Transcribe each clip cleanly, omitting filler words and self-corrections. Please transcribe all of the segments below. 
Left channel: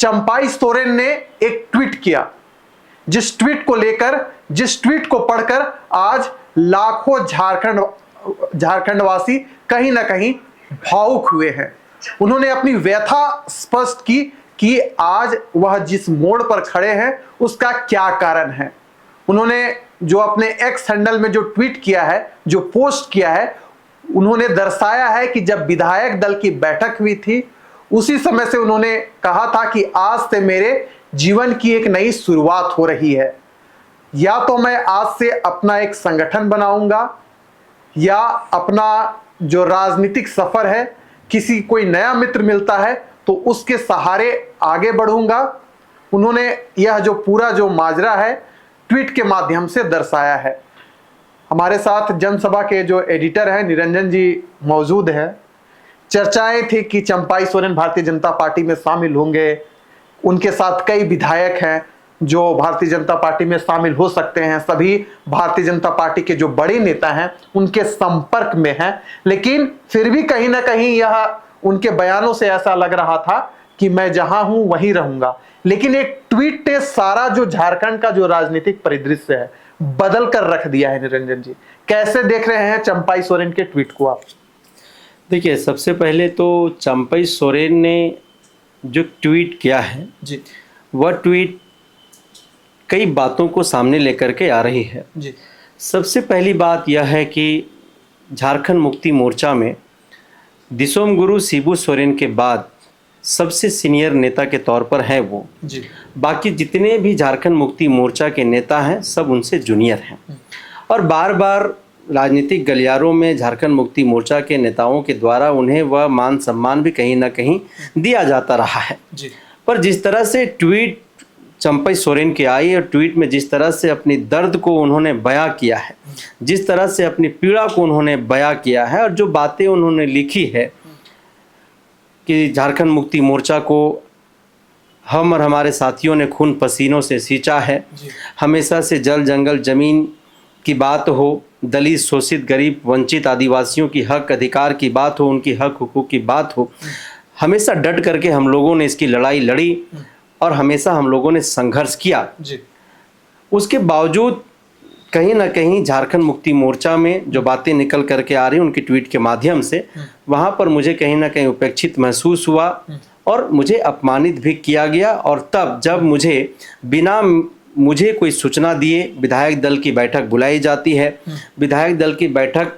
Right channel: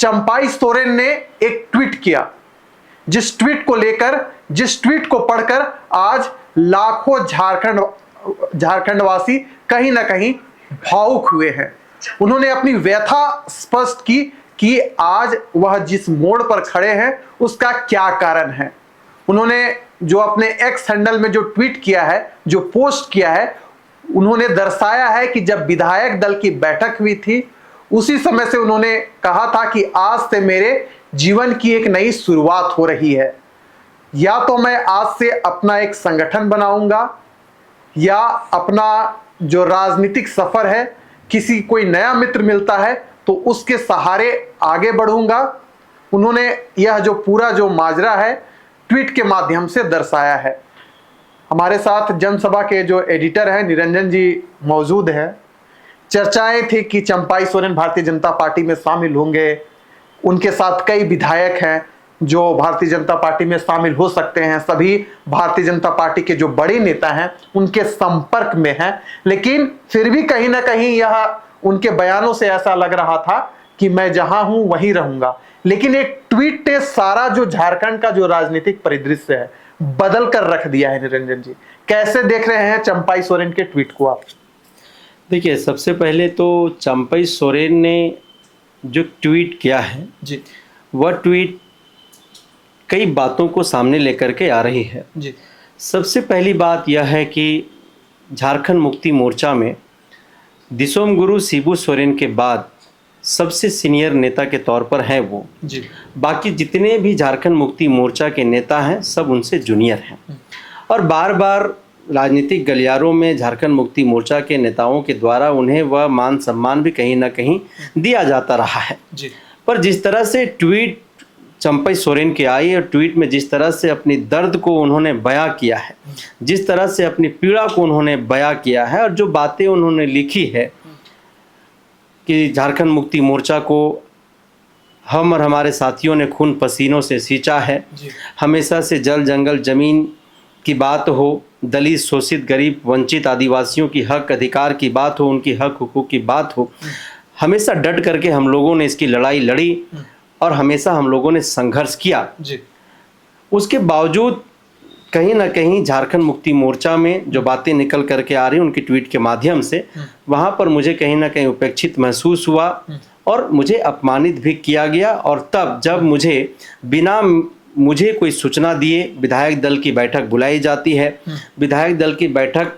चंपाई सोरेन ने एक ट्वीट किया, जिस ट्वीट को पढ़कर आज लाखों झारखंडवासी कहीं ना कहीं भावुक हुए हैं। उन्होंने अपनी व्यथा स्पष्ट की कि आज वह जिस मोड़ पर खड़े हैं उसका क्या कारण है। उन्होंने जो अपने एक्स हैंडल में जो ट्वीट किया है, जो पोस्ट किया है, उन्होंने दर्शाया है कि जब विधायक दल की बैठक हुई थी उसी समय से उन्होंने कहा था कि आज से मेरे जीवन की एक नई शुरुआत हो रही है। या तो मैं आज से अपना एक संगठन बनाऊंगा या अपना जो राजनीतिक सफर है, किसी कोई नया मित्र मिलता है तो उसके सहारे आगे बढ़ूंगा। उन्होंने यह जो पूरा जो माजरा है ट्वीट के माध्यम से दर्शाया है। हमारे साथ जनसभा के जो एडिटर हैं निरंजन जी मौजूद हैं। चर्चाएं थी कि चंपाई सोरेन भारतीय जनता पार्टी में शामिल होंगे, उनके साथ कई विधायक हैं जो भारतीय जनता पार्टी में शामिल हो सकते हैं, सभी भारतीय जनता पार्टी के जो बड़े नेता हैं उनके संपर्क में हैं, लेकिन फिर भी कहीं ना कहीं यह उनके बयानों से ऐसा लग रहा था कि मैं जहां हूं वहीं रहूंगा। लेकिन एक ट्वीट ने सारा जो झारखंड का जो राजनीतिक परिदृश्य है बदल कर रख दिया है। निरंजन जी, कैसे देख रहे हैं चंपाई सोरेन के ट्वीट को आप? देखिए, सबसे पहले तो चंपाई सोरेन ने जो ट्वीट किया है जी, वह ट्वीट कई बातों को सामने लेकर के आ रही है। जी, सबसे पहली बात यह है कि झारखंड मुक्ति मोर्चा में दिसोम गुरु शिबू सोरेन के बाद सबसे सीनियर नेता के तौर पर है वो। जी, बाकी जितने भी झारखंड मुक्ति मोर्चा के नेता हैं सब उनसे जूनियर हैं और बार बार राजनीतिक गलियारों में झारखंड मुक्ति मोर्चा के नेताओं के द्वारा उन्हें वह मान सम्मान भी कहीं ना कहीं दिया जाता रहा है। जी, पर जिस तरह से ट्वीट चंपाई सोरेन की आई और ट्वीट में जिस तरह से अपनी दर्द को उन्होंने बयां किया है, जिस तरह से अपनी पीड़ा को उन्होंने बयां किया है और जो बातें उन्होंने लिखी है कि झारखंड मुक्ति मोर्चा को हम और हमारे साथियों ने खून पसीनों से सींचा है, हमेशा से जल जंगल ज़मीन की बात हो, दलित शोषित गरीब वंचित आदिवासियों की हक अधिकार की बात हो, उनकी हक हुकूक की बात हो, हमेशा डट करके हम लोगों ने इसकी लड़ाई लड़ी और हमेशा हम लोगों ने संघर्ष किया। जी, उसके बावजूद कहीं ना कहीं झारखंड मुक्ति मोर्चा में जो बातें निकल करके आ रही उनकी ट्वीट के माध्यम से, वहाँ पर मुझे कहीं ना कहीं उपेक्षित महसूस हुआ और मुझे अपमानित भी किया गया। और तब जब मुझे कोई सूचना दिए विधायक दल की बैठक बुलाई जाती है, विधायक दल की बैठक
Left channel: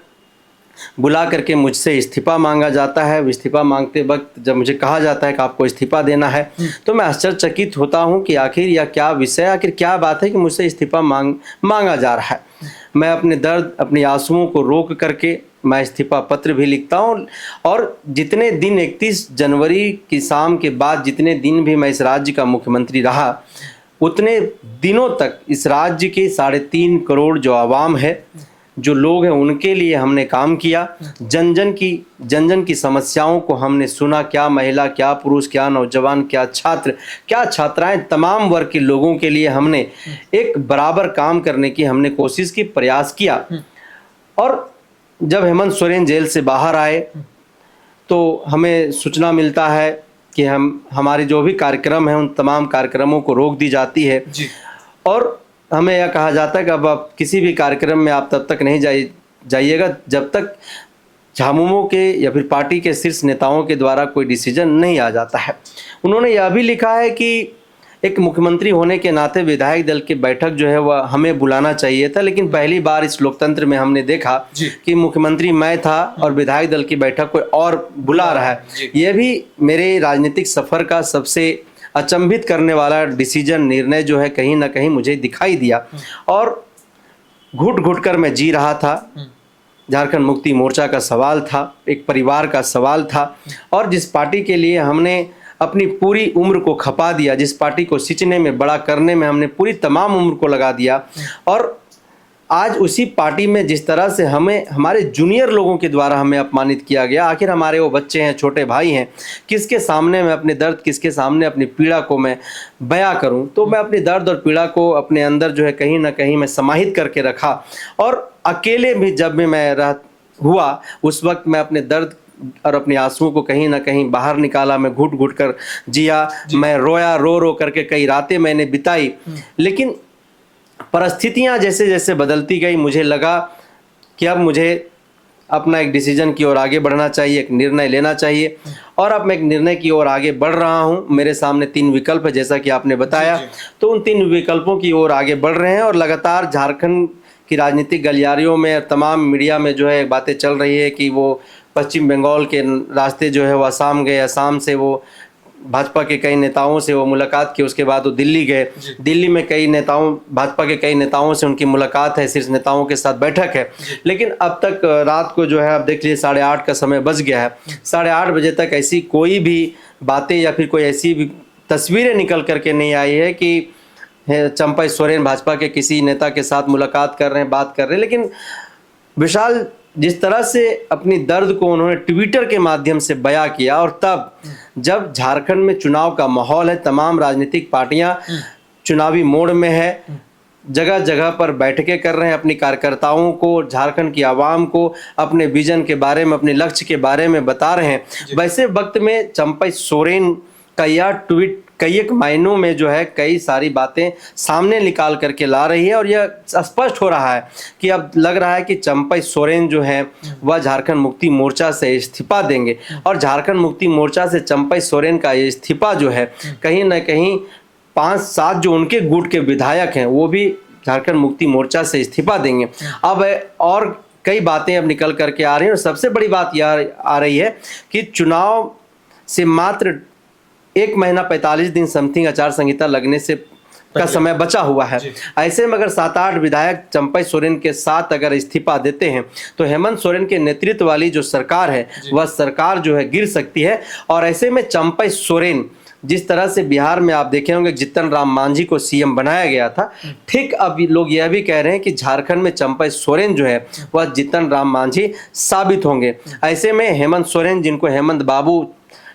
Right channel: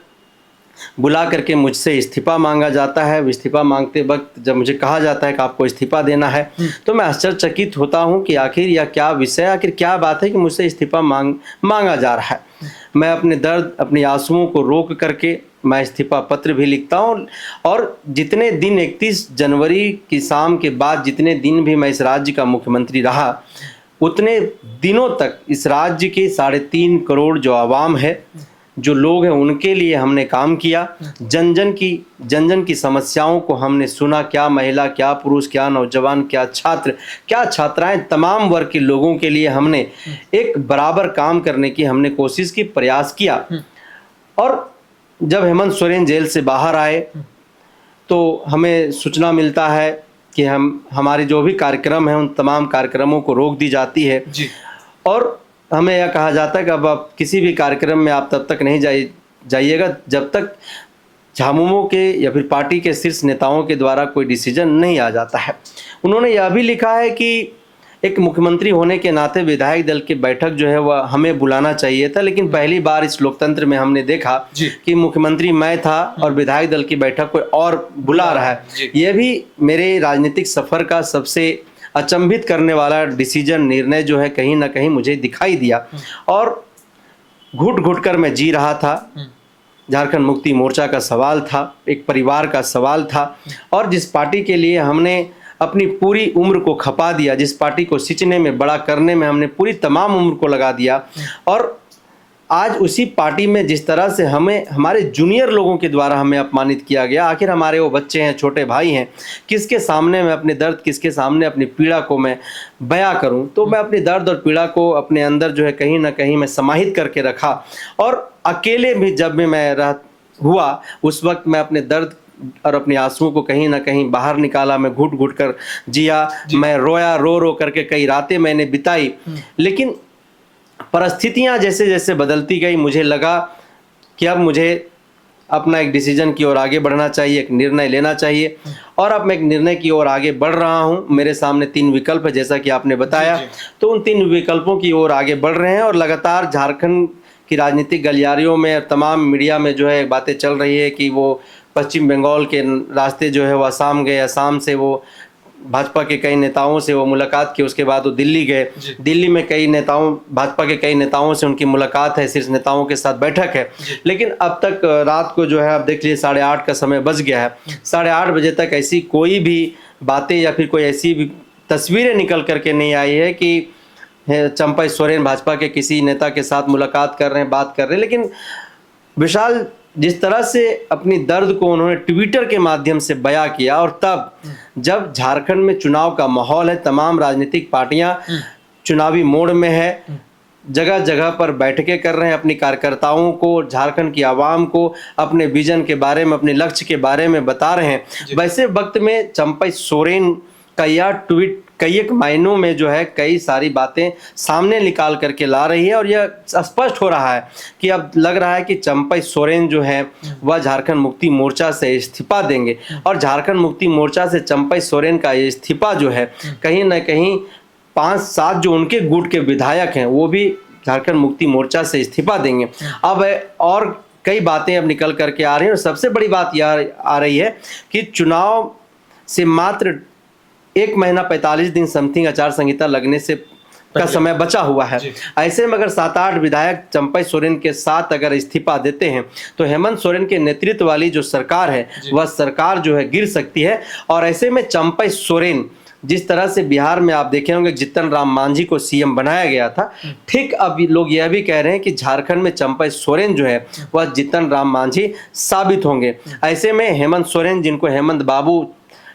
बुला करके मुझसे इस्तीफा मांगा जाता है। इस्तीफा मांगते वक्त जब मुझे कहा जाता है कि आपको इस्तीफा देना है तो मैं आश्चर्यचकित होता हूं कि आखिर यह क्या विषय, आखिर क्या बात है कि मुझसे इस्तीफा मांगा जा रहा है। मैं अपने दर्द अपने आंसुओं को रोक करके मैं इस्तीफा पत्र भी लिखता हूं और जितने दिन 31 जनवरी की शाम के बाद जितने दिन भी मैं इस राज्य का मुख्यमंत्री रहा उतने दिनों तक इस राज्य के 3.5 करोड़ जो आवाम है, जो लोग हैं, उनके लिए हमने काम किया। जन जन की समस्याओं को हमने सुना। क्या महिला, क्या पुरुष, क्या नौजवान, क्या छात्र, क्या छात्राएं, तमाम वर्ग के लोगों के लिए हमने एक बराबर काम करने की हमने कोशिश की, प्रयास किया। और जब हेमंत सोरेन जेल से बाहर आए तो हमें सूचना मिलता है कि हमारे जो भी कार्यक्रम हैं उन तमाम कार्यक्रमों को रोक दी जाती है जी, और हमें यह कहा जाता है कि अब आप किसी भी कार्यक्रम में आप तब तक नहीं जाइएगा जब तक झामुमो के या फिर पार्टी के शीर्ष नेताओं के द्वारा कोई डिसीजन नहीं आ जाता है। उन्होंने यह भी लिखा है कि एक मुख्यमंत्री होने के नाते विधायक दल की बैठक जो है वह हमें बुलाना चाहिए था, लेकिन पहली बार इस लोकतंत्र में हमने देखा कि मुख्यमंत्री मैं था और विधायक दल की बैठक कोई और बुला रहा है। यह भी मेरे राजनीतिक सफर का सबसे अचंभित करने वाला निर्णय जो है कहीं ना कहीं मुझे दिखाई दिया और घुट घुट कर मैं जी रहा था। झारखंड मुक्ति मोर्चा का सवाल था, एक परिवार का सवाल था और जिस पार्टी के लिए हमने अपनी पूरी उम्र को खपा दिया, जिस पार्टी को सिंचने में बड़ा करने में हमने पूरी तमाम उम्र को लगा दिया और आज उसी पार्टी में जिस तरह से हमारे जूनियर लोगों के द्वारा हमें अपमानित किया गया। आखिर हमारे वो बच्चे हैं, छोटे भाई हैं, किसके सामने मैं अपने दर्द, किसके सामने अपनी पीड़ा को मैं बयां करूं? तो मैं अपने दर्द और पीड़ा को अपने अंदर जो है कहीं ना कहीं मैं समाहित करके रखा और अकेले भी जब भी मैं हुआ उस वक्त मैं अपने दर्द और अपनी आंसुओं को कहीं ना कहीं बाहर निकाला। मैं घुट घुट कर जिया, मैं रोया, रो रो करके कई रातें मैंने बिताई। लेकिन परिस्थितियां जैसे जैसे बदलती गई, मुझे लगा कि अब मुझे अपना एक डिसीजन की ओर आगे बढ़ना चाहिए, एक निर्णय लेना चाहिए। और अब मैं एक निर्णय की ओर आगे बढ़ रहा हूं। मेरे सामने 3 विकल्प है, जैसा कि आपने बताया। तो उन 3 विकल्पों की ओर आगे बढ़ रहे हैं और लगातार झारखंड की राजनीतिक गलियारियों में, तमाम मीडिया में जो है बातें चल रही है कि वो पश्चिम बंगाल के रास्ते जो है वो असम गए, असम से वो भाजपा के कई नेताओं से वो मुलाकात की, उसके बाद वो दिल्ली गए। दिल्ली में कई नेताओं, भाजपा के कई नेताओं से उनकी मुलाकात है, शीर्ष नेताओं के साथ बैठक है। लेकिन अब तक रात को जो है, अब देख लीजिए 8:30 का समय बज गया है, 8:30 बजे तक ऐसी कोई भी बातें या फिर कोई ऐसी भी तस्वीरें निकल करके नहीं आई है कि चंपा सोरेन भाजपा के किसी नेता के साथ मुलाकात कर रहे हैं, बात कर रहे हैं। लेकिन विशाल, जिस तरह से अपनी दर्द को उन्होंने ट्विटर के माध्यम से बयां किया, और तब जब झारखंड में चुनाव का माहौल है, तमाम राजनीतिक पार्टियां चुनावी मोड में है, जगह जगह पर बैठकें कर रहे हैं, अपनी कार्यकर्ताओं को, झारखंड की आवाम को अपने विजन के बारे में, अपने लक्ष्य के बारे में बता रहे हैं। वैसे वक्त में चंपा सोरेन का यह ट्वीट कई एक मायनों में जो है कई सारी बातें सामने निकाल करके ला रही है, और यह स्पष्ट हो रहा है कि अब लग रहा है कि चंपा सोरेन जो है वह झारखंड मुक्ति मोर्चा से इस्तीफा देंगे। और झारखंड मुक्ति मोर्चा से चंपा सोरेन का ये इस्तीफा जो है, कहीं ना कहीं 5-7 जो उनके गुट के विधायक हैं वो भी झारखंड मुक्ति मोर्चा से इस्तीफा देंगे। अब और कई बातें अब निकल करके आ रही हैं, और सबसे बड़ी बात यह आ रही है कि चुनाव से मात्र 1 महीना 45 दिन समथिंग आचार संहिता लगने से का समय बचा हुआ है। ऐसे में अगर 7-8 विधायक चंपा सोरेन के साथ अगर इस्तीफा देते हैं तो हेमंत सोरेन के नेतृत्व वाली जो सरकार है वह सरकार जो है गिर सकती है। और ऐसे में चंपा सोरेन, जिस तरह से बिहार में आप देखे होंगे जीतन राम मांझी को सीएम बनाया गया था, ठीक अब लोग यह भी कह रहे हैं कि झारखंड में चंपा सोरेन जो है वह जीतन राम मांझी साबित होंगे। ऐसे में हेमंत सोरेन, जिनको हेमंत बाबू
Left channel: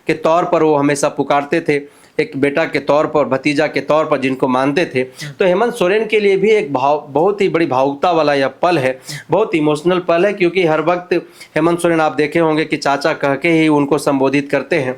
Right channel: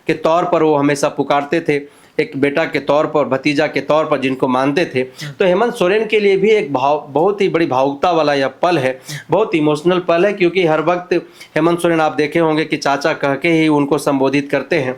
के तौर पर वो हमेशा पुकारते थे, एक बेटा के तौर पर, भतीजा के तौर पर जिनको मानते थे, तो हेमंत सोरेन के लिए भी एक बहुत ही बड़ी भावुकता वाला यह पल है, बहुत इमोशनल पल है। क्योंकि हर वक्त हेमंत सोरेन आप देखे होंगे कि चाचा कह के ही उनको संबोधित करते हैं,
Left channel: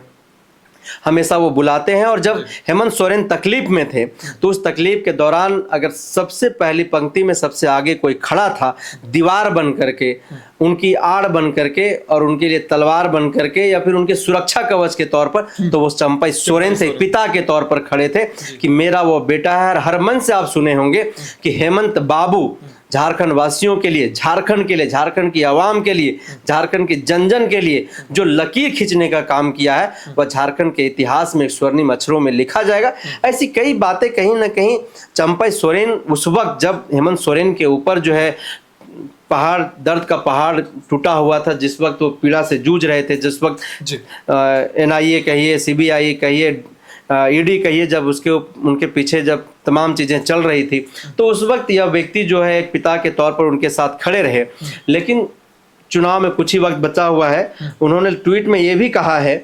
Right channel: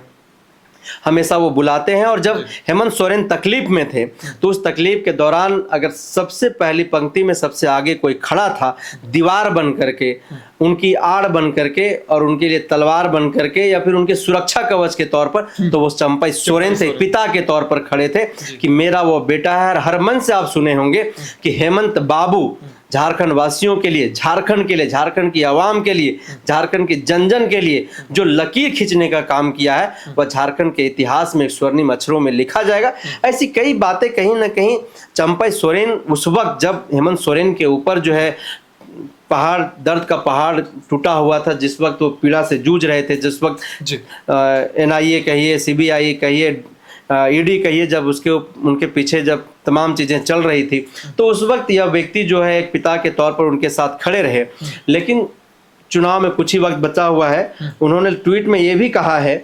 हमेशा वो बुलाते हैं। और जब हेमंत सोरेन तकलीफ में थे तो उस तकलीफ के दौरान अगर सबसे पहली पंक्ति में सबसे आगे कोई खड़ा था, दीवार बन करके, उनकी आड़ बन करके और उनके लिए तलवार बन करके या फिर उनके सुरक्षा कवच के तौर पर, तो वो चंपा सोरेन थे, पिता के तौर पर खड़े थे कि मेरा वो बेटा है। हर मन से आप सुने होंगे कि हेमंत बाबू झारखंड वासियों के लिए, झारखंड के लिए, झारखंड की आवाम के लिए, झारखंड के जन जन के लिए जो लकीर खींचने का काम किया है वह झारखंड के इतिहास में स्वर्णिम अक्षरों में लिखा जाएगा। ऐसी कई बातें कहीं ना कहीं चंपा सोरेन उस वक्त जब हेमंत सोरेन के ऊपर जो है पहाड़, दर्द का पहाड़ टूटा हुआ था, जिस वक्त वो पीड़ा से जूझ रहे थे, जिस वक्त NIA कहिए, CBI कहिए, ED कहिए, जब उनके पीछे जब तमाम चीज़ें चल रही थी, तो उस वक्त यह व्यक्ति जो है एक पिता के तौर पर उनके साथ खड़े रहे। लेकिन चुनाव में कुछ ही वक्त बचा हुआ है, उन्होंने ट्वीट में ये भी कहा है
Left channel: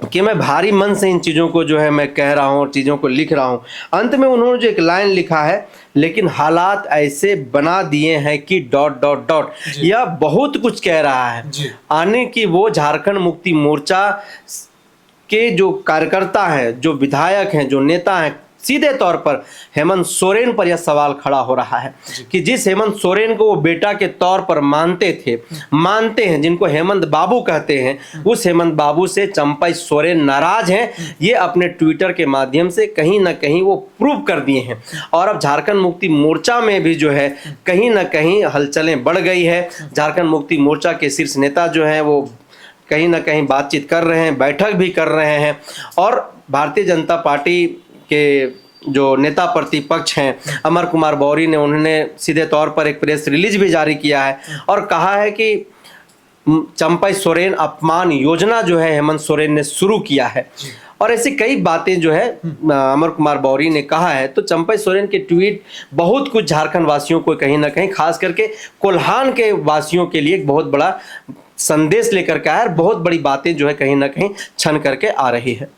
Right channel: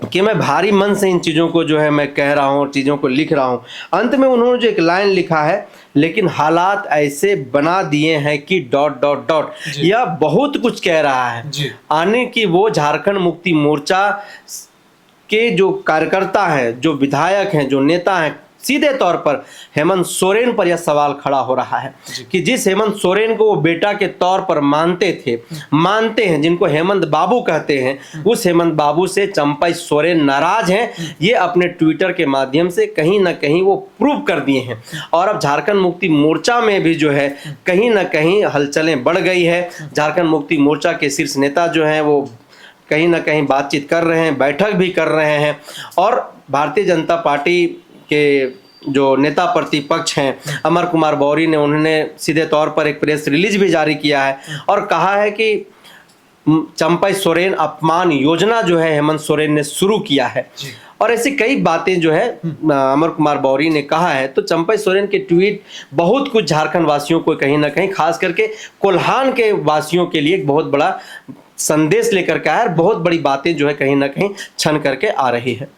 कि मैं भारी मन से इन चीज़ों को जो है मैं कह रहा हूँ और चीज़ों को लिख रहा हूँ। अंत में उन्होंने जो एक लाइन लिखा है, लेकिन हालात ऐसे बना दिए हैं कि ... यह बहुत कुछ कह रहा है। आने की वो झारखंड मुक्ति मोर्चा के जो कार्यकर्ता हैं, जो विधायक हैं, जो नेता हैं, सीधे तौर पर हेमंत सोरेन पर यह सवाल खड़ा हो रहा है कि जिस हेमंत सोरेन को वो बेटा के तौर पर मानते थे, मानते हैं, जिनको हेमंत बाबू कहते हैं, उस हेमंत बाबू से चंपा सोरेन नाराज हैं। ये अपने ट्विटर के माध्यम से कहीं ना कहीं वो प्रूव कर दिए हैं। और अब झारखंड मुक्ति मोर्चा में भी जो है कहीं ना कहीं हलचलें बढ़ गई है। झारखंड मुक्ति मोर्चा के शीर्ष नेता जो हैं वो कहीं ना कहीं बातचीत कर रहे हैं, बैठक भी कर रहे हैं। और भारतीय जनता पार्टी के जो नेता प्रतिपक्ष हैं अमर कुमार बौरी ने, उन्होंने सीधे तौर पर एक प्रेस रिलीज भी जारी किया है और कहा है कि चंपा सोरेन अपमान योजना जो है हेमंत सोरेन ने शुरू किया है। और ऐसी कई बातें जो है अमर कुमार बौरी ने कहा है। तो चंपा सोरेन के ट्वीट बहुत कुछ झारखंड वासियों को कहीं ना कहीं, खास करके कोल्हान के वासियों के लिए एक बहुत बड़ा संदेश लेकर के आया, बहुत बड़ी बातें जो है कहीं ना कहीं छन करके आ रही है।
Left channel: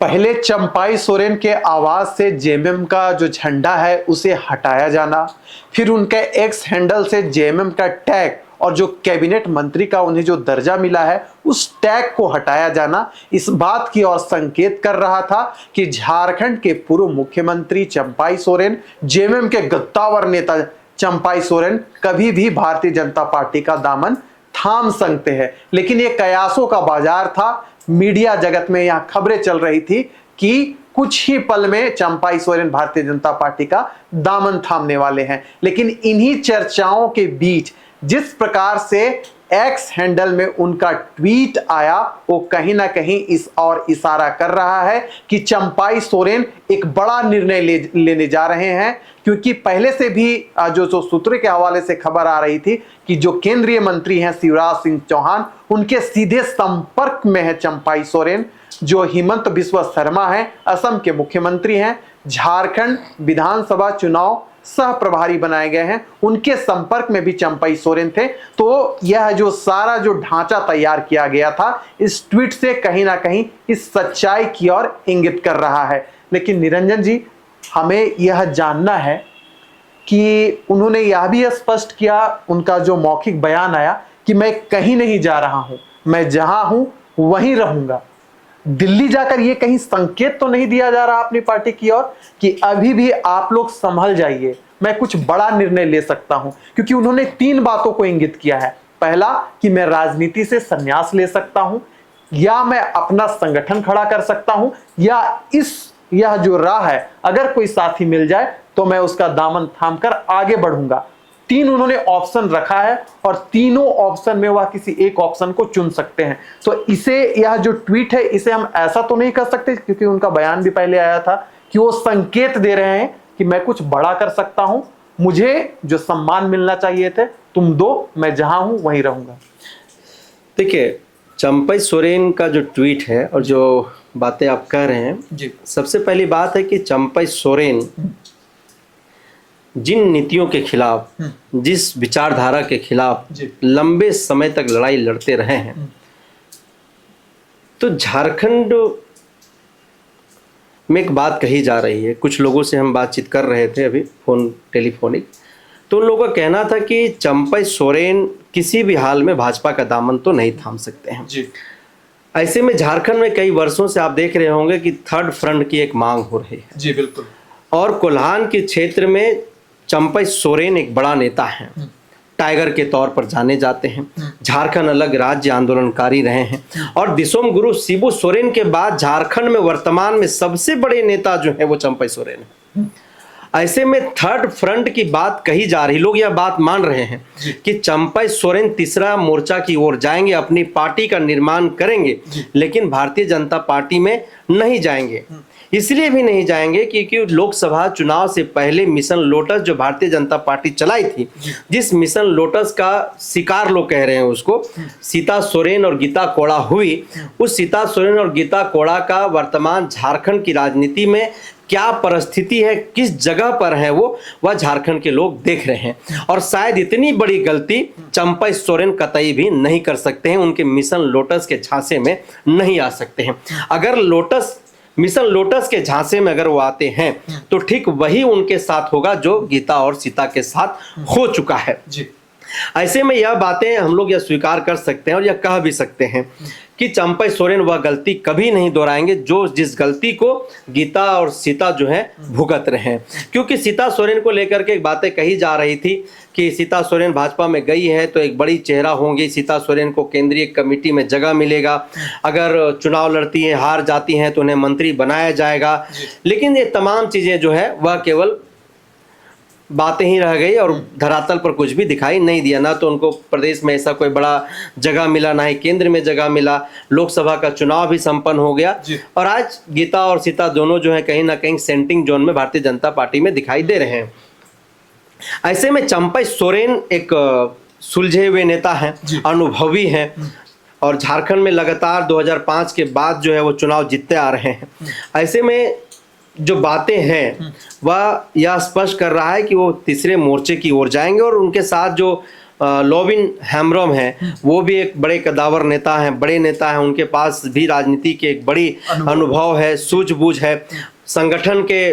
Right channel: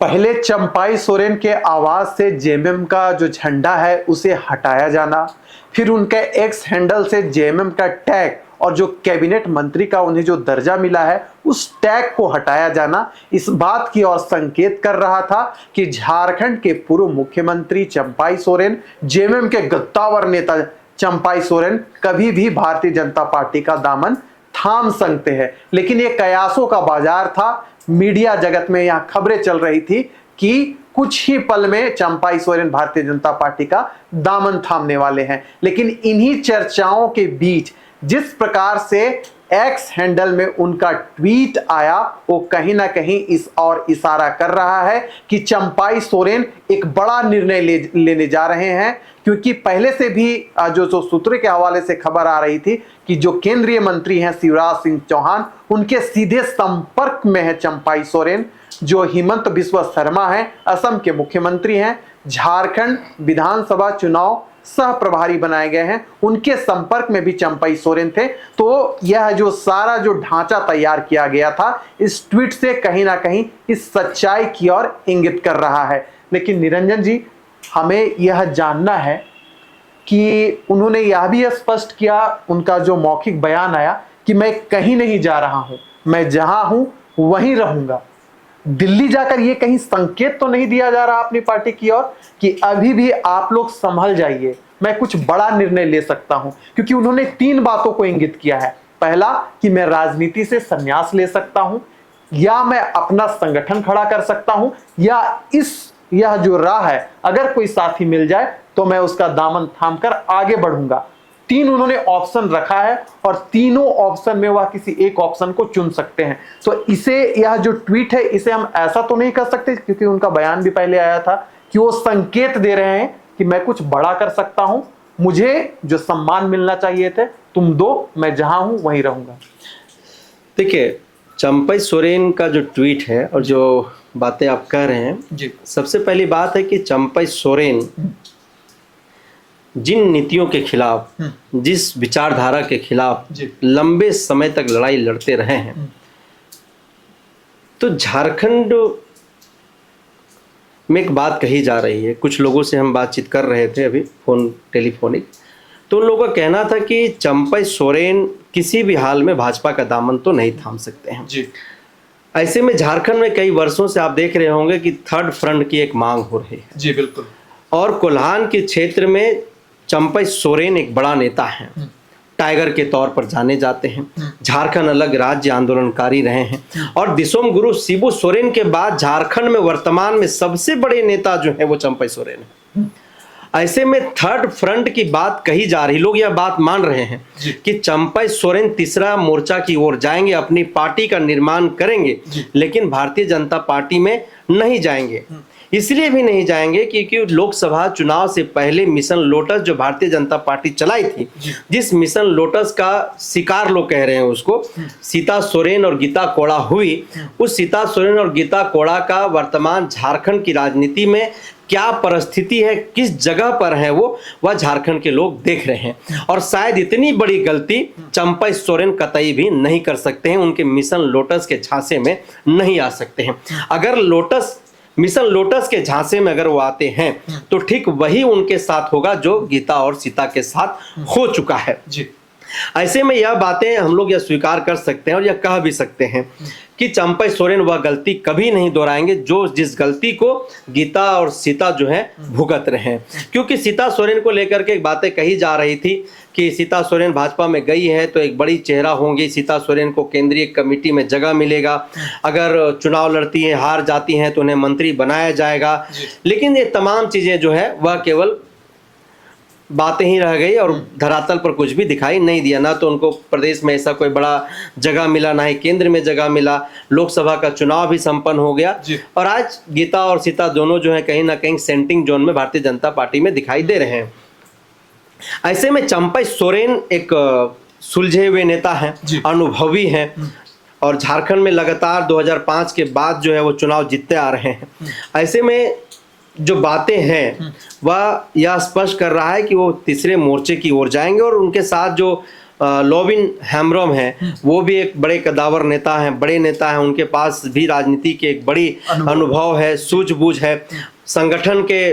पहले चंपाई सोरेन के आवाज से जेएमएम का जो झंडा है उसे हटाया जाना, फिर उनके एक्स हैंडल से जेएमएम का टैग और जो कैबिनेट मंत्री का उन्हें जो दर्जा मिला है उस टैग को हटाया जाना इस बात की ओर संकेत कर रहा था कि झारखंड के पूर्व मुख्यमंत्री चंपाई सोरेन, जेएमएम के गद्दावर नेता चंपाई सोरेन कभी भी भारतीय जनता पार्टी का दामन थाम सकते हैं। लेकिन ये कयासों का बाजार था। मीडिया जगत में यह खबरें चल रही थी कि कुछ ही पल में चंपाई सोरेन भारतीय जनता पार्टी का दामन थामने वाले हैं। लेकिन इन्हीं चर्चाओं के बीच जिस प्रकार से एक्स हैंडल में उनका ट्वीट आया वो कहीं ना कहीं इस और इशारा कर रहा है कि चंपाई सोरेन एक बड़ा निर्णय लेने जा रहे हैं। क्योंकि पहले से भी जो सूत्रों के हवाले से खबर आ रही थी कि जो केंद्रीय मंत्री हैं शिवराज सिंह चौहान, उनके सीधे संपर्क में है चंपाई सोरेन। जो हिमंत बिस्वा शर्मा हैं, असम के मुख्यमंत्री हैं, झारखंड विधानसभा चुनाव सह प्रभारी बनाए गए हैं, उनके संपर्क में भी चंपाई सोरेन थे। तो यह जो सारा जो ढांचा तैयार किया गया था इस ट्वीट से कहीं ना कहीं इस सच्चाई की ओर इंगित कर रहा है। लेकिन निरंजन जी, हमें यह जानना है कि उन्होंने यह भी स्पष्ट किया, उनका जो मौखिक बयान आया कि मैं कहीं नहीं जा रहा हूं, मैं जहां हूं वहीं रहूंगा। दिल्ली जाकर ये कहीं संकेत तो नहीं दिया जा रहा अपनी पार्टी की ओर कि अभी भी आप लोग संभल जाइए, मैं कुछ बड़ा निर्णय ले सकता हूं? क्योंकि उन्होंने 3 बातों को इंगित किया है। पहला कि मैं राजनीति से संन्यास ले सकता हूं, या मैं अपना संगठन खड़ा कर सकता हूं, या यह जो राह है अगर कोई साथी मिल जाए तो मैं उसका दामन थामकर आगे बढ़ूंगा। 3 उन्होंने ऑप्शन रखा है और तीनों ऑप्शन में वह किसी एक ऑप्शन को चुन सकते हैं। तो इसे, यह जो ट्वीट है इसे हम ऐसा तो नहीं कर सकते, क्योंकि उनका बयान भी पहले आया था कि वो संकेत दे रहे हैं कि मैं कुछ बड़ा कर सकता हूं, मुझे जो सम्मान मिलना चाहिए थे तुम दो, मैं जहां हूं वहीं रहूंगा। देखिए, चंपाई सोरेन का जो ट्वीट है और जो बातें आप कह रहे हैं जी, सबसे पहली बात है कि चंपाई सोरेन जिन नीतियों के खिलाफ, जिस विचारधारा के खिलाफ लंबे समय तक लड़ाई लड़ते रहे हैं, तो झारखंड में एक बात कही जा रही है। कुछ लोगों से हम बातचीत कर रहे थे अभी टेलीफोनिक, तो उन लोगों का कहना था कि चंपाई सोरेन किसी भी हाल में भाजपा का दामन तो नहीं थाम सकते हैं जी। ऐसे में झारखंड में कई वर्षों से आप देख रहे होंगे कि थर्ड फ्रंट की एक मांग हो रही है जी, बिल्कुल। और कोल्हान के क्षेत्र में चंपाई सोरेन एक बड़ा नेता है, टाइगर के तौर पर जाने जाते हैं, झारखंड अलग राज्य आंदोलनकारी रहे हैं और दिसोम गुरु शिबू सोरेन के बाद झारखंड में वर्तमान में सबसे बड़े नेता जो है वो चंपाई सोरेन है। ऐसे में थर्ड फ्रंट की बात कही जा रही, लोग यह बात मान रहे हैं कि चंपाई सोरेन तीसरा मोर्चा की ओर जाएंगे, अपनी पार्टी का निर्माण करेंगे, लेकिन भारतीय जनता पार्टी में नहीं जाएंगे। इसलिए भी नहीं जाएंगे क्योंकि लोकसभा चुनाव से पहले मिशन लोटस जो भारतीय जनता पार्टी चलाई थी, जिस मिशन लोटस का शिकार लोग कह रहे हैं उसको, सीता सोरेन और गीता कोड़ा हुई, उस सीता सोरेन और गीता कोड़ा का वर्तमान झारखंड की राजनीति में क्या परिस्थिति है, किस जगह पर है वह झारखंड के लोग देख रहे हैं। और शायद इतनी बड़ी गलती चंपाई सोरेन कतई भी नहीं कर सकते हैं, उनके मिशन लोटस के झांसे में नहीं आ सकते हैं। अगर मिशन लोटस के झांसे में अगर वो आते हैं तो ठीक वही उनके साथ होगा जो गीता और सीता के साथ हो चुका है जी। ऐसे में यह बातें हम लोग यह स्वीकार कर सकते हैं और यह कह भी सकते हैं कि चंपाई सोरेन वह गलती कभी नहीं दोहराएंगे जो जिस गलती को गीता और सीता जो है भुगत रहे हैं। क्योंकि सीता सोरेन को लेकर के बातें कही जा रही थी कि सीता सोरेन भाजपा में गई है तो एक बड़ी चेहरा होंगी, सीता सोरेन को केंद्रीय कमेटी में जगह मिलेगा, अगर चुनाव लड़ती है हार जाती हैं तो उन्हें मंत्री बनाया जाएगा। लेकिन ये तमाम चीजें जो है वह केवल बातें ही रह गई और धरातल पर कुछ भी दिखाई नहीं दिया। ना तो उनको प्रदेश में ऐसा कोई बड़ा जगह मिला, ना ही केंद्र में जगह मिला। लोकसभा का चुनाव भी संपन्न हो गया और आज गीता और सीता दोनों जो है कहीं ना कहीं सेंटिंग जोन में भारतीय जनता पार्टी में दिखाई दे रहे हैं। ऐसे में चंपाई सोरेन एक सुलझे हुए नेता हैं, अनुभवी हैं और झारखंड में लगातार 2005 के बाद जो है वो चुनाव जीतते आ रहे हैं। ऐसे में जो बातें हैं वह यह स्पष्ट कर रहा है कि वो तीसरे मोर्चे की ओर जाएंगे और उनके साथ जो लोविन हेम्ब्रम है वो भी एक बड़े कदावर नेता हैं, बड़े नेता हैं, उनके पास भी राजनीति के एक बड़ी अनुभव है, सूझबूझ है, संगठन के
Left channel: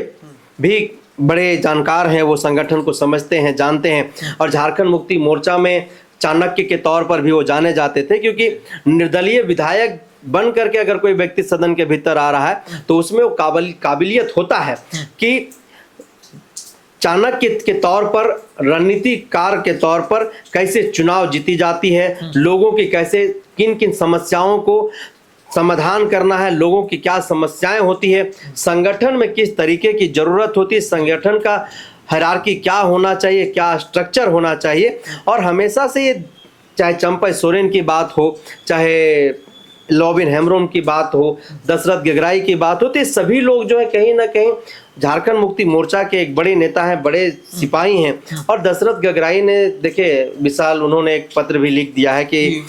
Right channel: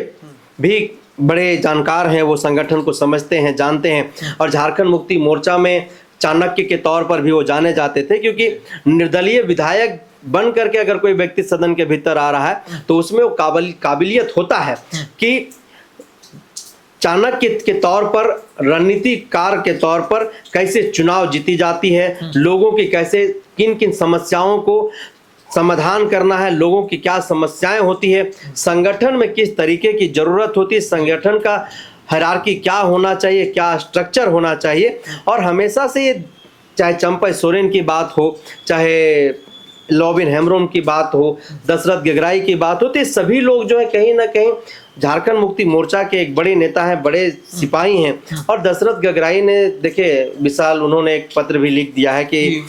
भी बड़े जानकार हैं, वो संगठन को समझते हैं, जानते हैं। और झारखंड मुक्ति मोर्चा में चाणक्य के तौर पर भी वो जाने जाते थे, क्योंकि निर्दलीय विधायक बन करके अगर कोई व्यक्ति सदन के भीतर आ रहा है तो उसमें वो काबिलियत होता है कि चाणक्य के तौर पर, रणनीतिकार के तौर पर कैसे चुनाव जीती जाती है, लोगों की कैसे किन किन समस्याओं को समाधान करना है, लोगों की क्या समस्याएं होती है, संगठन में किस तरीके की जरूरत होती है, संगठन का हायरार्की क्या होना चाहिए, क्या स्ट्रक्चर होना चाहिए। और हमेशा से ये, चाहे चंपई सोरेन की बात हो, चाहे लॉबिन हेम्ब्रोम की बात हो, दशरथ गगराई की बात हो, तो ये सभी लोग जो है कहीं ना कहीं झारखंड मुक्ति मोर्चा के एक बड़े नेता हैं, बड़े सिपाही हैं। और दशरथ गगराई ने, देखिए विशाल, उन्होंने एक पत्र भी लिख दिया है कि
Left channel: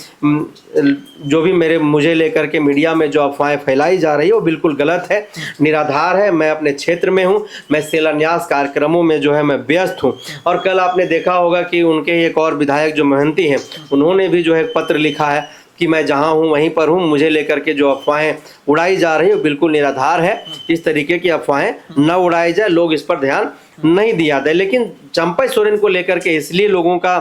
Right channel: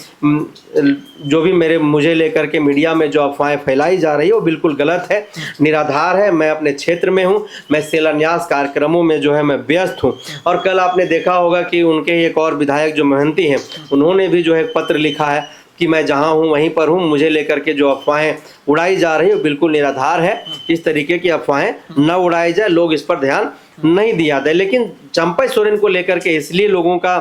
जो भी मुझे लेकर के मीडिया में जो अफवाहें फैलाई जा रही है वो बिल्कुल गलत है, निराधार है। मैं अपने क्षेत्र में हूँ, मैं शिलान्यास कार्यक्रमों में जो है मैं व्यस्त हूँ। और कल आपने देखा होगा कि उनके एक और विधायक जो महंती हैं, उन्होंने भी जो है पत्र लिखा है कि मैं जहां हूं वहीं पर हूं, मुझे लेकर के जो अफवाहें उड़ाई जा रही है वो बिल्कुल निराधार है। इस तरीके की अफवाहें न उड़ाई जाए, लोग इस पर ध्यान नहीं दिया जाए। लेकिन चंपई सोरेन को लेकर के इसलिए लोगों का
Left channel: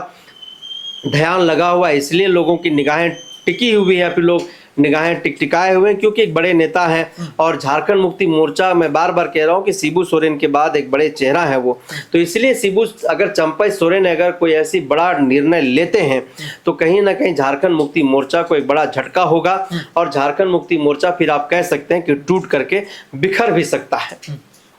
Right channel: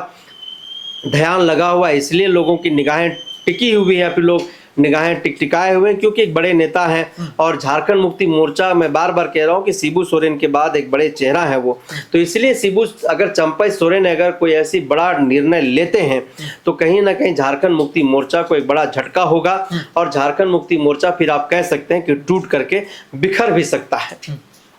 ध्यान लगा हुआ है, इसलिए लोगों की निगाहें टिकी हुई है, फिर लोग निगाहें टिकटिकाए हुए, क्योंकि एक बड़े नेता हैं। और झारखंड मुक्ति मोर्चा, मैं बार बार कह रहा हूं कि शिबू सोरेन के बाद एक बड़े चेहरा है वो, तो इसलिए शिबू, अगर चंपई सोरेन अगर कोई ऐसी बड़ा निर्णय लेते हैं तो कहीं ना कहीं झारखंड मुक्ति मोर्चा को एक बड़ा झटका होगा। और झारखंड मुक्ति मोर्चा फिर आप कह सकते हैं कि टूट करके बिखर भी सकता है।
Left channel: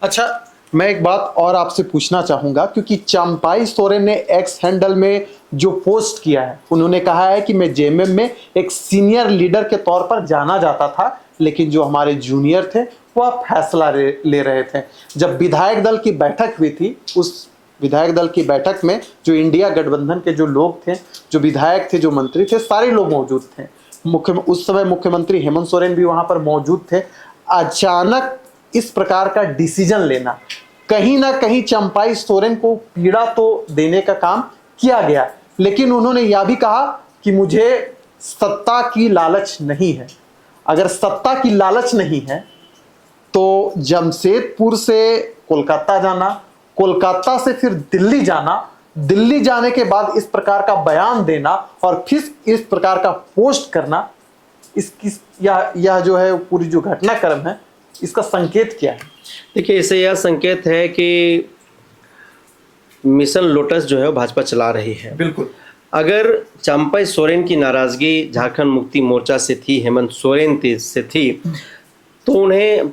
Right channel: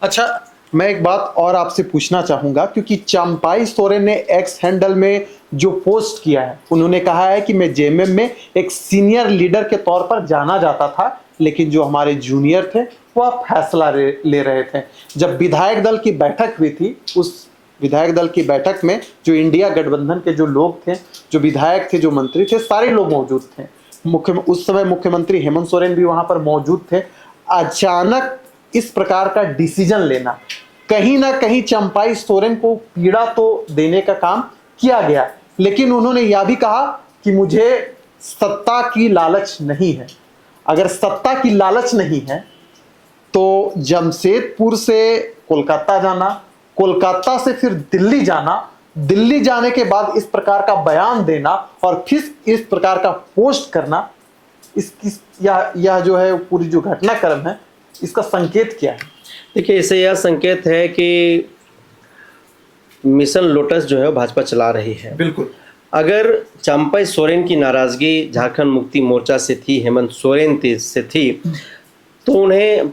अच्छा, मैं एक बात और आपसे पूछना चाहूंगा, क्योंकि चंपई सोरेन ने एक्स हैंडल में जो पोस्ट किया है, उन्होंने कहा है कि मैं जेएमएम में एक सीनियर लीडर के तौर पर जाना जाता था, लेकिन जो हमारे जूनियर थे वो अब फैसला ले रहे थे। जब विधायक दल की बैठक हुई थी, उस विधायक दल की बैठक में जो इंडिया गठबंधन के जो लोग थे, जो विधायक थे, जो मंत्री थे, सारे लोग मौजूद थे। उस समय मुख्यमंत्री हेमंत सोरेन भी वहां पर मौजूद थे। अचानक इस प्रकार का डिसीजन लेना, कहीं ना कहीं चंपई सोरेन को पीड़ा तो देने का काम किया गया, लेकिन उन्होंने यह भी कहा कि मुझे सत्ता की लालच नहीं है। अगर सत्ता की लालच नहीं है तो जमशेदपुर से कोलकाता जाना, कोलकाता से फिर दिल्ली जाना, दिल्ली जाने के बाद इस प्रकार का बयान देना और फिर इस प्रकार का पोस्ट करना, यह जो है पूरी जो घटनाक्रम है, इसका संकेत क्या है? देखिए, इससे यह संकेत है कि मिशन लोटस जो है भाजपा चला रही है। बिल्कुल। अगर चंपई सोरेन की नाराजगी झारखंड मुक्ति मोर्चा से थी, हेमंत सोरेन से थी, तो उन्हें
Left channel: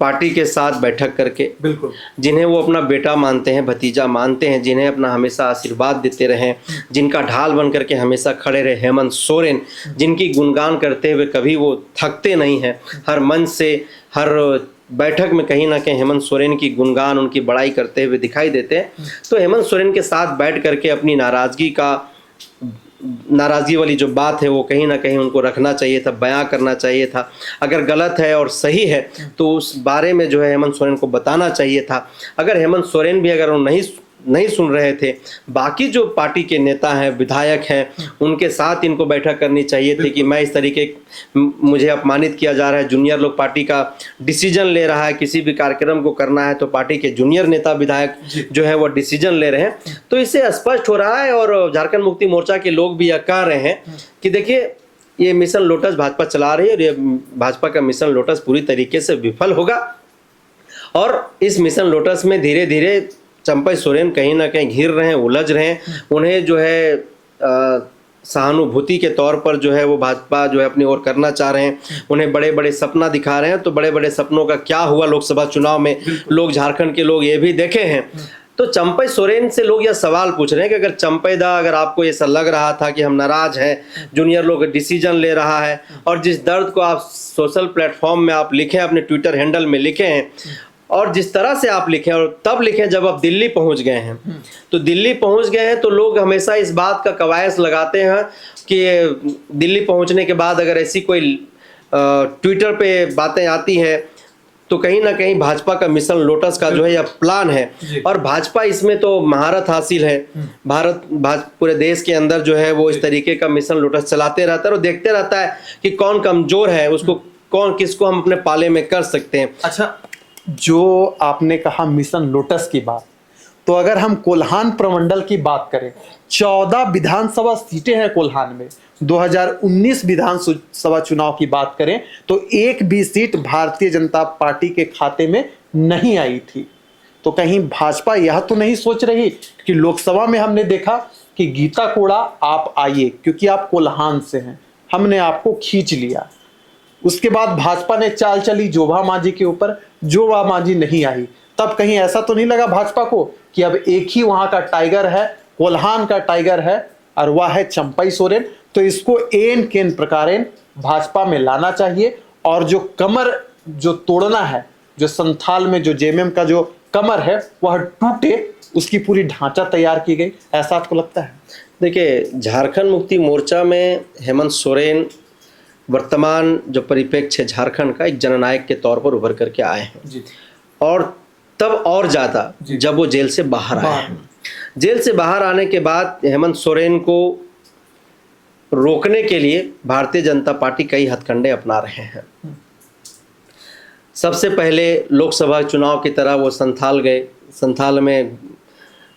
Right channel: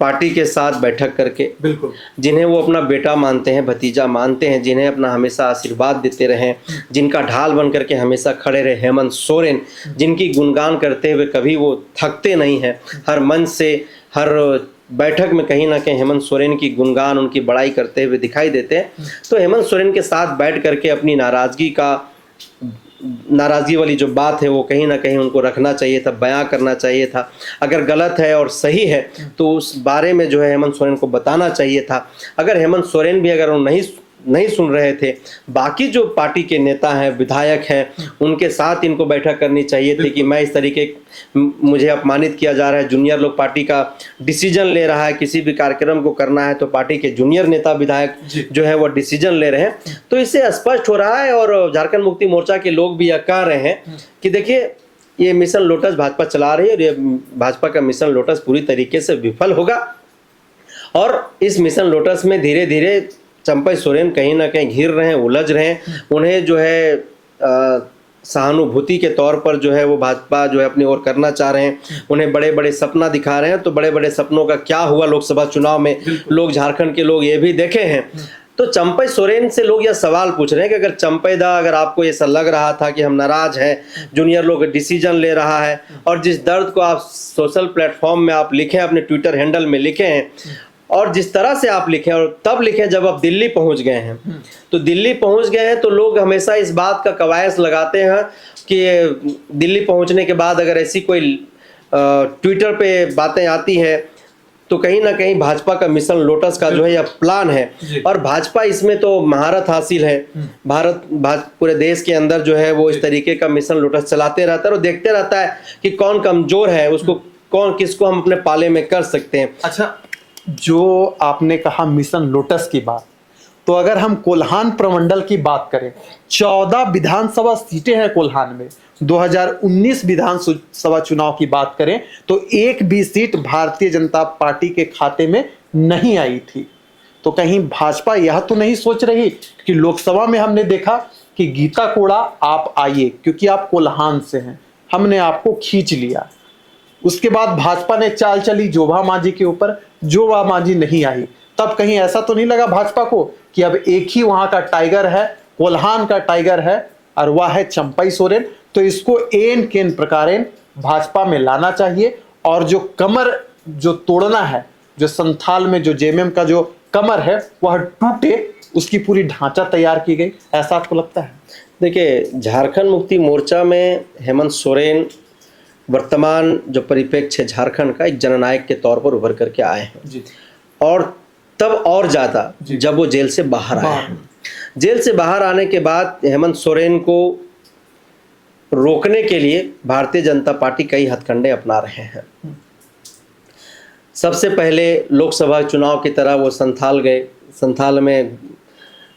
पार्टी के साथ बैठक करके, बिल्कुल, जिन्हें वो अपना बेटा मानते हैं, भतीजा मानते हैं, जिन्हें अपना हमेशा आशीर्वाद देते रहे, जिनका ढाल बन करके हमेशा खड़े रहे, हेमंत सोरेन, जिनकी गुणगान करते हुए कभी वो थकते नहीं हैं, हर मंच से, हर बैठक में कहीं ना कहीं हेमंत सोरेन की गुणगान, उनकी बड़ाई करते हुए दिखाई देते हैं। तो हेमंत सोरेन के साथ बैठ करके अपनी नाराजगी वाली जो बात है वो कहीं ना कहीं उनको रखना चाहिए था, बयां करना चाहिए था। अगर गलत है और सही है तो उस बारे में जो है हेमंत सोरेन को बताना चाहिए था। अगर हेमंत सोरेन भी अगर वो नहीं सुन रहे थे, बाकी जो पार्टी के नेता हैं, विधायक हैं, उनके साथ इनको बैठक करनी चाहिए थी कि मैं इस तरीके, मुझे अपमानित किया जा रहा है, जूनियर लोग पार्टी का डिसीजन ले रहा है, किसी भी कार्यक्रम को करना है तो पार्टी के जूनियर नेता विधायक जो है वो डिसीजन ले रहे हैं। तो इससे स्पष्ट हो रहा है और झारखंड मुक्ति मोर्चा के लोग भी यह कह रहे हैं कि देखिए, ये मिशन लोटस भाजपा चला रही है और ये भाजपा का मिशन लोटस पूरी तरीके से विफल होगा। और इस मिशन लोटस में धीरे धीरे चंपई सोरेन कहीं ना कहीं घिर रहे हैं, उलझ रहे हैं। उन्हें जो है सहानुभूति के तौर पर जो है वो भाजपा जो है अपनी ओर करना चाह रहे हैं, उन्हें बड़े बड़े सपना दिखा रहे हैं। तो बड़े बड़े सपनों का क्या हुआ लोकसभा चुनाव में, लोग, झारखंड के लोग ये भी देखे हैं। तो चंपई सोरेन से लोग यह सवाल पूछ रहे हैं कि अगर चंपई दा, अगर आपको ऐसा लग रहा था कि हम नाराज हैं, जूनियर लोग डिसीजन ले रहा है, और जिस दर्द को आप सोशल प्लेटफॉर्म में आप लिखे, अपने ट्विटर हैंडल में लिखे हैं, और जिस तरह से आप लिखें, और तब लिखें जब आप दिल्ली पहुंच गए हैं, तो दिल्ली पहुंच गए हैं तो लोग हमेशा इस बात का कवायद लगाते हैं कि दिल्ली पहुंचने के बाद अगर ऐसी कोई ट्विटर पे बातें आती है तो कहीं ना कहीं भाजपा का मिशन लोटस का जो है यह प्लान है। और भाजपा इसमें तो महारत हासिल है, पूरे देश के अंदर जो है वो इस तरीके का मिशन लोटस चलाते रहता है और देखते रहता है कि कौन कमजोर है, उसको किसको हम अपने पाले में कर सकते हैं। अच्छा, जो आपने कहा मिशन लोटस की बात, तो अगर हम कोल्हान प्रमंडल की बात करें, 14 विधानसभा सीटें हैं कोल्हान में। 2019 विधानसभा चुनाव की बात करें तो एक भी सीट भारतीय जनता पार्टी के खाते में नहीं आई थी। तो कहीं भाजपा यह तो नहीं सोच रही कि लोकसभा में हमने देखा कि गीता कोड़ा आप आइए क्योंकि आप कोल्हान से हैं, हमने आपको खींच लिया। उसके बाद भाजपा ने चाल चली जोभा मांझी के ऊपर, जोभा मांझी नहीं आई। तब कहीं ऐसा तो नहीं लगा भाजपा को कि अब एक ही वहां का टाइगर है, कोल्हान का टाइगर है, और वह है चंपई सोरेन। तो इसको एन केन प्रकारेण भाजपा में लाना चाहिए और जो कमर जो तोड़ना है, जो संथाल में जो जेएमएम का जो कमर है वह टूटे, उसकी पूरी ढांचा तैयार की गई। ऐसा आपको लगता है? देखिए, झारखंड मुक्ति मोर्चा में हेमंत सोरेन वर्तमान जो परिप्रेक्ष्य है झारखंड का, एक जननायक के तौर पर उभर करके आए हैं जी। और तब और ज़्यादा जब वो जेल से बाहर आए हैं। जेल से बाहर आने के बाद हेमंत सोरेन को रोकने के लिए भारतीय जनता पार्टी कई हथकंडे अपना रहे हैं। सबसे पहले लोकसभा चुनाव की तरह वो संथाल गए, संथाल में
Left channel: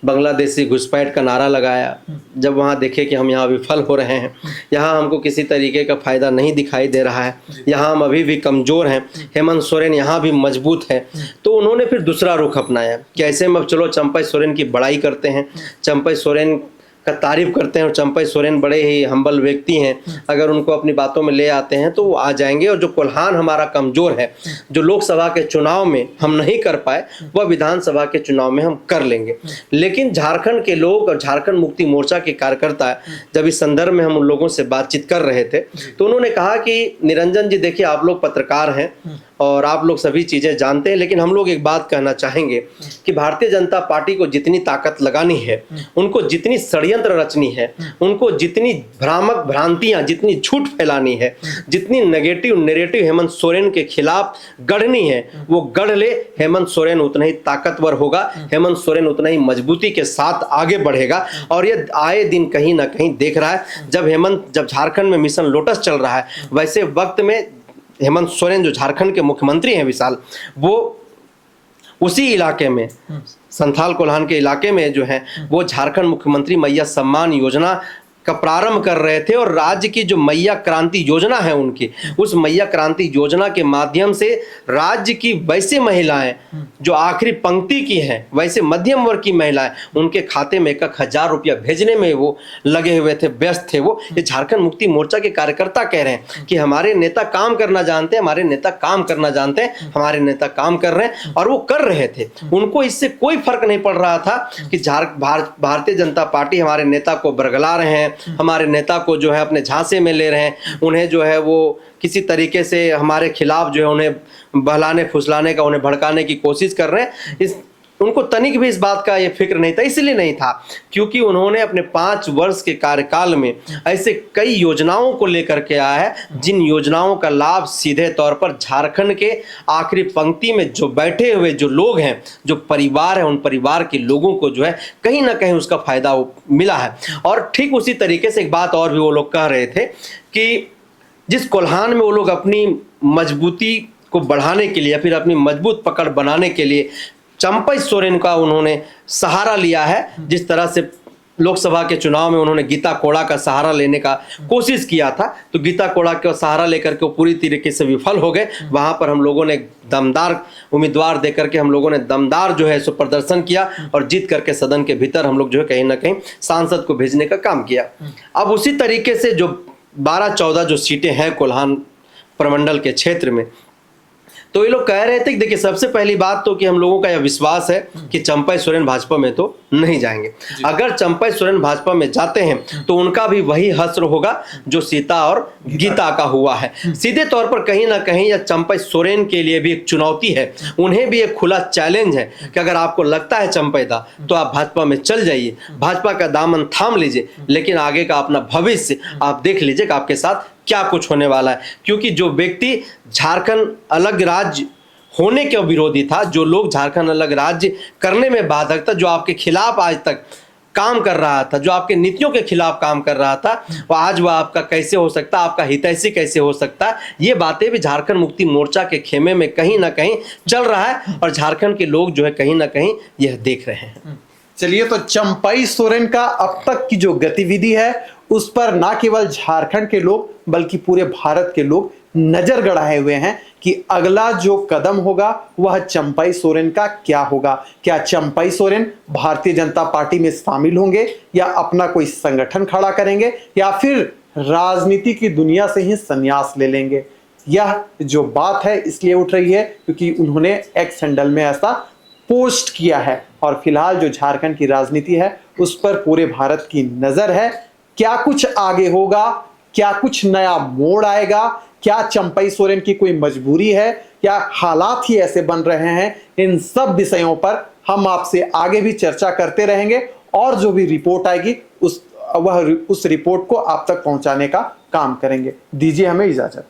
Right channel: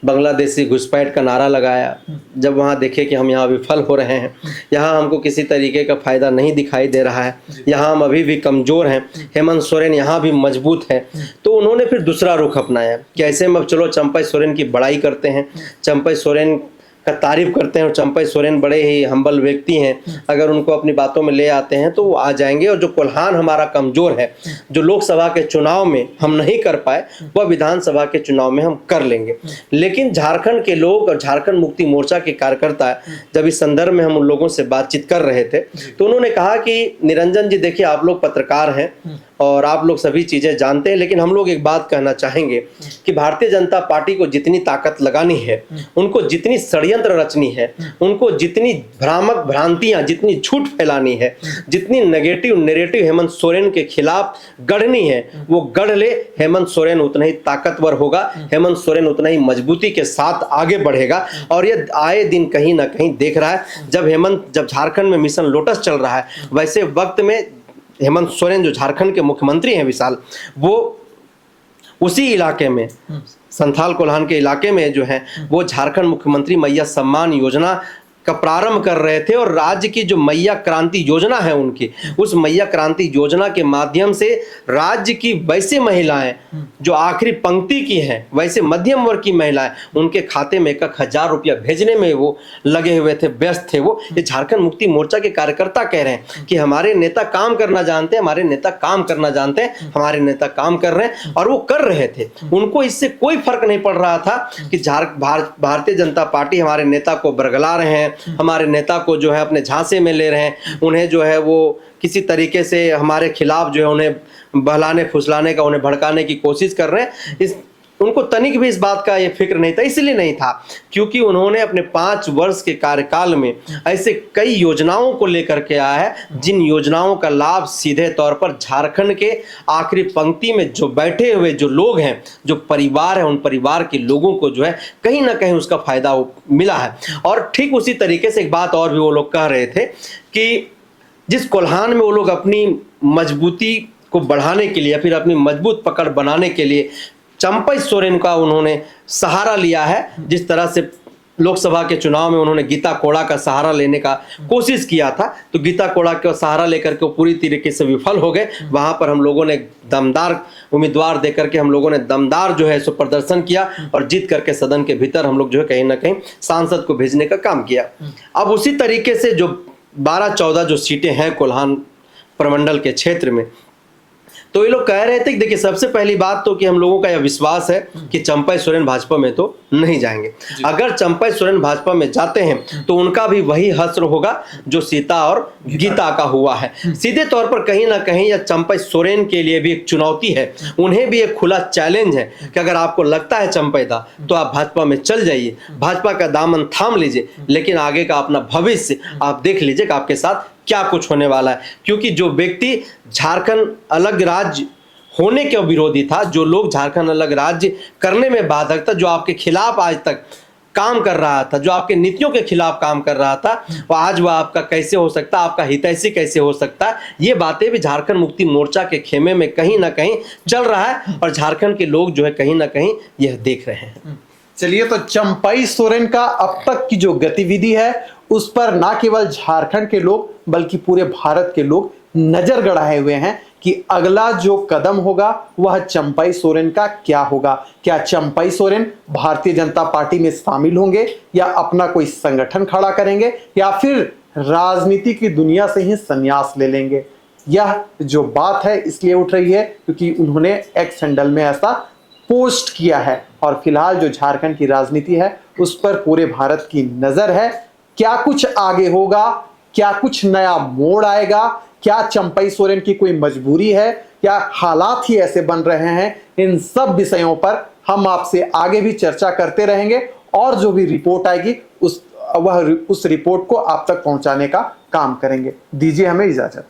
बांग्लादेशी घुसपैठ का नारा लगाया। जब वहाँ देखे कि हम यहाँ विफल हो रहे हैं, यहाँ हमको किसी तरीके का फायदा नहीं दिखाई दे रहा है, यहाँ हम अभी भी कमज़ोर हैं, हेमंत सोरेन यहाँ भी मजबूत है, तो उन्होंने फिर दूसरा रुख अपनाया कि ऐसे में अब चलो चंपई सोरेन की बड़ाई करते हैं, चंपई सोरेन का तारीफ करते हैं। और चंपई सोरेन बड़े ही हम्बल व्यक्ति हैं, अगर उनको अपनी बातों में ले आते हैं तो वो आ जाएंगे। और जो कोल्हान हमारा कमज़ोर है, जो लोकसभा के चुनाव में हम नहीं कर पाए, वह विधानसभा के चुनाव में हम कर लेंगे। लेकिन झारखंड के लोग और झारखंड मुक्ति मोर्चा के कार्यकर्ता जब इस संदर्भ में हम उन लोगों से बातचीत कर रहे थे तो उन्होंने कहा कि निरंजन जी, देखिए आप लोग पत्रकार हैं और आप लोग सभी चीज़ें जानते हैं, लेकिन हम लोग एक बात कहना चाहेंगे कि भारतीय जनता पार्टी को जितनी ताकत लगानी है, उनको जितनी षड्यंत्र रचनी है, उनको जितनी भ्रामक भ्रांतियां, जितनी झूठ फैलानी है, जितनी नेगेटिव नैरेटिव हेमंत सोरेन के खिलाफ गढ़नी है, वो गढ़ ले। हेमंत सोरेन उतना ही ताकतवर होगा, हेमंत सोरेन उतना ही मजबूती के साथ आगे बढ़ेगा। और ये आए दिन कहीं ना कहीं देख रहा है। जब झारखंड में मिशन लोटस चल रहा है, वैसे वक्त में हेमंत सोरेन जो झारखंड के मुख्यमंत्री हैं विशाल, वो उसी इलाके में संथाल कोल्हान के इलाके में जो है वो झारखंड मुख्यमंत्री मैया सम्मान योजना का प्रारंभ कर रहे थे। और राज्य की जो मैया क्रांति योजना है उनकी, उस मैया क्रांति योजना के माध्यम से राज्य की वैसे महिलाएं जो आखिरी पंक्ति की हैं, वैसे मध्यम वर्ग की महिलाएं, उनके खाते में 1,000 रुपया भेजने में वो लगे हुए थे, व्यस्त थे वो। ये झारखंड मुक्ति मोर्चा के कार्यकर्ता कह रहे हैं कि हमारे नेता काम करना जानते हैं, हमारे नेता काम करना जानते हैं, हमारे नेता काम कर रहे हैं। और वो कर रहे थे, उनको इससे कोई फर्क नहीं पड़ रहा था कि भारतीय जनता पार्टी हमारे नेता को बरगला रहे हैं, हमारे नेता को जो है अपने झांसे में ले रहे हैं, उन्हें जो है वो किसी तरीके से हमारे खिलाफ जो है उन्हें बहलाने फुसलाने का, उन्हें भड़काने की कोशिश कर रहे हैं। उनको तनिक भी इस बात का ये फिक्र नहीं था। इसलिए नहीं था क्योंकि उन्होंने अपने 5 वर्ष के कार्यकाल में ऐसे कई योजनाओं को लेकर के आया है, जिन योजनाओं का लाभ सीधे तौर पर झारखंड के आखिरी पंक्ति में जो बैठे हुए जो लोग हैं, जो परिवार है, उन परिवार के लोगों को जो है कहीं ना कहीं उसका फायदा मिला है। और ठीक उसी तरीके से एक बात और भी वो लोग कह रहे थे कि जिस कोल्हान में वो लोग अपनी मजबूती को बढ़ाने के लिए या फिर अपनी मजबूत पकड़ बनाने के लिए चंपई सोरेन का उन्होंने सहारा लिया है, जिस तरह से लोकसभा के चुनाव में उन्होंने गीता कोड़ा का सहारा लेने का कोशिश किया था, तो गीता कोड़ा का सहारा लेकर के पूरी तरीके से विफल हो गए। वहां पर हम लोगों ने दमदार उम्मीदवार देकर के हम लोगों ने दमदार जो है सो प्रदर्शन किया और जीत करके सदन के भीतर हम लोग जो है कहीं ना कहीं सांसद को भेजने का काम किया। अब उसी तरीके से जो 12-14 जो सीटें हैं कोल्हान प्रमंडल के क्षेत्र में, तो ये लोग कह रहे थे कि देखिए सबसे पहली बात तो कि हम लोगों का यह विश्वास है कि चंपई सोरेन भाजपा में तो नहीं जाएंगे। अगर चंपई सोरेन भाजपा में जाते हैं तो उनका भी वही हश्र होगा जो सीता और गीता का हुआ है। सीधे तौर पर कहीं ना कहीं यह चंपई सोरेन के लिए भी एक चुनौती है, उन्हें भी एक खुला चैलेंज है कि अगर आपको लगता है चंपई दा तो आप भाजपा में चल जाइए, भाजपा का दामन थाम लीजिए, लेकिन आगे का अपना भविष्य आप देख लीजिए कि आपके साथ क्या कुछ होने वाला है। क्योंकि जो व्यक्ति झारखंड अलग राज्य होने के विरोधी था, जो लोग झारखंड अलग राज्य करने में बाधक था, जो आपके खिलाफ आज तक काम कर रहा था, जो आपके नीतियों के खिलाफ काम कर रहा था, वो आज वह आपका कैसे हो सकता है, आपका हितैषी कैसे हो सकता है, ये बातें भी झारखंड मुक्ति मोर्चा के खेमे में कहीं ना कहीं चल रहा है और झारखंड के लोग जो है कहीं ना कहीं यह देख रहे हैं। चलिए, तो चंपई सोरेन का अब तक की जो गतिविधि है उस पर ना केवल झारखंड के लोग बल्कि पूरे भारत के लोग नजर गड़ाए हुए हैं कि अगला जो कदम होगा वह चंपई सोरेन का क्या होगा। क्या चंपई सोरेन भारतीय जनता पार्टी में शामिल होंगे या अपना कोई संगठन खड़ा करेंगे या फिर राजनीति की दुनिया से ही संन्यास ले लेंगे। यह जो बात है इसलिए उठ रही है क्योंकि उन्होंने एक्स हैंडल में ऐसा पोस्ट किया है और फिलहाल जो झारखंड की राजनीति है उस पर पूरे भारत की नजर है। क्या कुछ आगे होगा, क्या कुछ नया मोड़ आएगा, क्या चंपई सोरेन की कोई मजबूरी है या हालात ही ऐसे बन रहे हैं, इन सब विषयों पर हम आपसे आगे भी चर्चा करते रहेंगे और जो भी रिपोर्ट आएगी उस रिपोर्ट को आप तक पहुंचाने का काम करेंगे। दीजिए हमें इजाजत।